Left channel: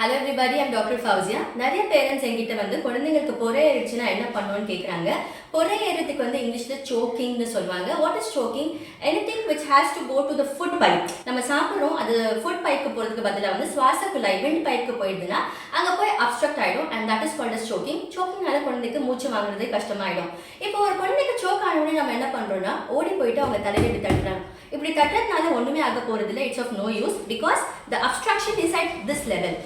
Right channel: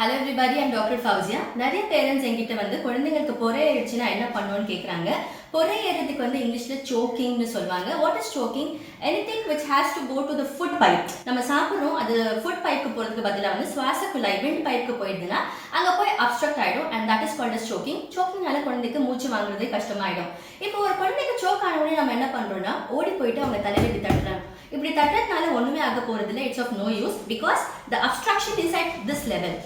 Hello everybody, I'm doctor Fauzia. நிறைய parents என்கிட்ட வந்து குழந்தைங்களுக்கு பொறை ஏறிடுச்சுன்னா என்ன பண்ணுவோன்னு கேட்குறாங்க. பொறை ஏறதுக்கு வந்து இங்கிலீஷில் சோக்கிங்னு சொல்லுவாங்க. What is choking? Anything which has to go to the food pipe. நம்ம சாப்பிட்றோம், அது ஃபுட் பைப்புக்கு போகிறதுக்கு பதிலாக வந்து சுவாச குழாய் விண்ட் பைப்புக்கு போயிடுதுன்னா அங்கே போய் அப்ஸ்ட்ரக்ட் ஆகிடும். And that is called as choking. சோக்கிங்னால குழந்தைக்கு மூச்சு வாங்குறது கஷ்டமாயிடும். இப்போ ஒரு குழந்தைக்கு சோக் ஆனவுடனே நம்ம என்ன பண்ணுறோம்னா ஓடி போயிட்டு அவங்க தலையை இப்படி தட்டுறாங்க. இப்படி தட்டுறதுனால ஒன்றுமே ஆக போகிறதில்ல. It's of no use because the obstruction is at this level.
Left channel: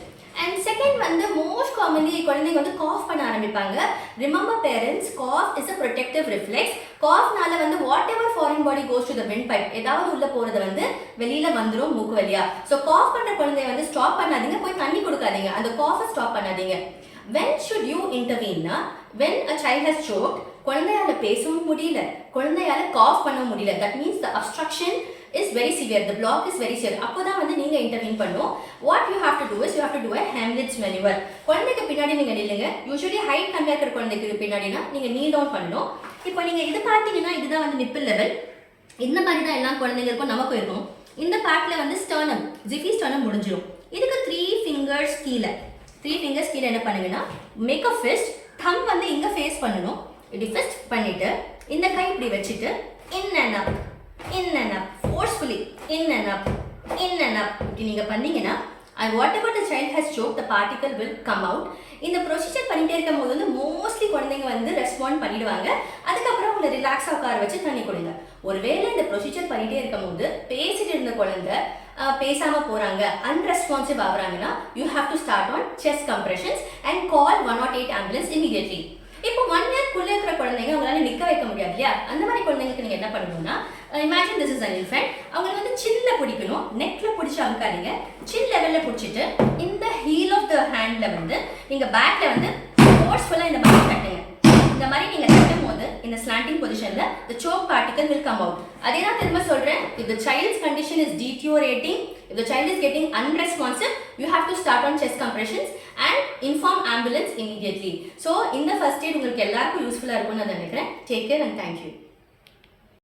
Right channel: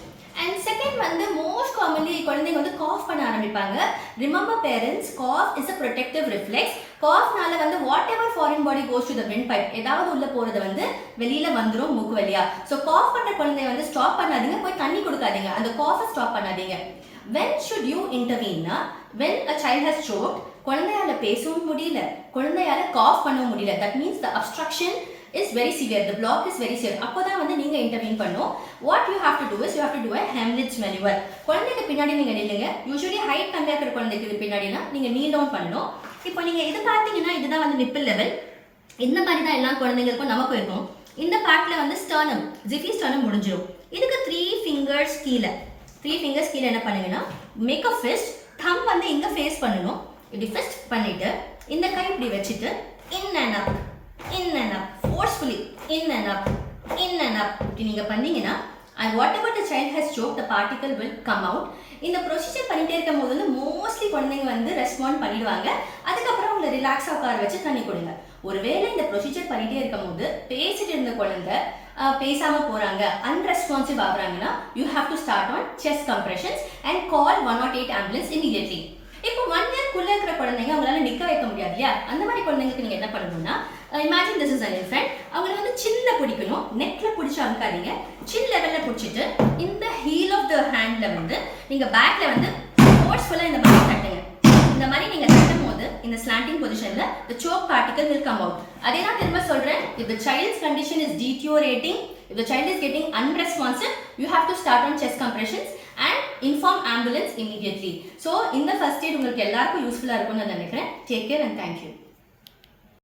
And second வந்து மோஸ்ட் காமன்லி குழந்தைங்க வந்து காஃப் பண்ண ஆரம்பிப்பாங்க. Remember parents, cough is a protective reflex. காஃப்னால வந்து whatever foreign body goes to the windpipe, ஏதாவது உள்ள போறது வந்து வெளியில வந்துடும் மூக்கு வழியா. ஸோ காஃப் பண்ற குழந்தைய வந்து ஸ்டாப் பண்ணாதீங்க, போய் தண்ணி கொடுக்காதீங்க, அந்த காஃபை ஸ்டாப் பண்ணாதீங்க. when should you intervene? when a child has choked, குழந்தையால பேசவும் முடியல, குழந்தையால காஃப் பண்ணவும் முடியல, that means the obstruction is very severe, the block is very severe. அப்போதான் வந்து நீங்க இன்டர்வீன் பண்ணும். what you have to do is you have to do a Heimlich maneuver. குழந்தைக்கு பின்னாடி நீங்க நில்லுங்க. யூசுவலி ஹைட் கம்மியா இருக்கிற குழந்தைக்கு பின்னாடினா நீங்க நீல் டவுன் பண்ணணும். இப்போ நீங்க இது பார்த்தீங்கன்னா இதுதான் வந்து நிப்பிள் லெவல். இந்த மாதிரி தான் எல்லா குழந்தைங்களுக்கும் நமக்கு இருக்கும். இந்த பேக்ல வந்து ஸ்டர்னம், ஜிஃபி ஸ்டர்னம் முடிஞ்சிடும். இதுக்கு 3 fingers கீழே என்ன பண்ணுங்கன்னா மேக் அ ஃபிஸ்ட். தம் வந்து இங்க ஃபேஸ் பண்ணணும். இப்படி ஃபிஸ்ட் பண்ணிட்டு இந்த கை இப்படி வச்சுட்டு in and up forcefully in and up இப்படி நீங்க பண்ணீங்கன்னா and whatever the child has choked, the particle will come out. இந்த ப்ரொசீஜர் பண்ணிட்டே இருக்கும் போது வந்து மோஸ்ட்லி குழந்தைங்க வந்து ரெஸ்பாண்ட் பண்ணிடுவாங்க. அதுக்கப்புறம் உங்களை ரிலாக்ஸாக உட்கார வச்சு தண்ணி கொடுங்க. ஒருவேளை இந்த ப்ரொசீஜர் பண்ணிட்டே இருக்கும் போது பேசிட்டு இருந்த குழந்தை பேசாம போறாங்க, அன்ரெஸ்பான்சிவ் ஆகுறாங்கன்னா you have to start on chest compressions and call 108 ambulance immediately. இப்போ 1 year குள்ள இருக்கிற குழந்தைங்க அவங்களால நிக்க வைக்க முடியாது இல்லையா? அந்த மாதிரி குழந்தைங்களுக்கு நீங்க என்ன பண்ணணும்னா, imagine this is an infant. அவங்க வந்து சின்ல பிடிக்கணும், நெக்ல பிடிச்சு அமுக்காதீங்க, சின் லெவல்ல பிடிச்சிட்டு இந்த ஹீல் ஆஃப் த ஹேண்ட்ல வந்து நீங்க பேக்ல வந்து ஃபோர்ஸ்ஃபுல்லா இந்த மாதிரி தட்டுங்க. இந்த மாதிரி நீங்க தட்டும் போது இந்த ஸ்லாண்டிங் பொசிஷன்ல the choke particle will come out. அதே நான் திரும்ப சொல்றேன், if the child's condition is deteriorating, if the child is getting unresponsive, you have to start on chest compressions and inform ambulance immediately. So இந்த first aid உங்களுக்கு எல்லாருக்கும் யூஸ்ஃபுல்லா இருக்கும்னு நான் நினைக்கிறேன். Take care and thank you.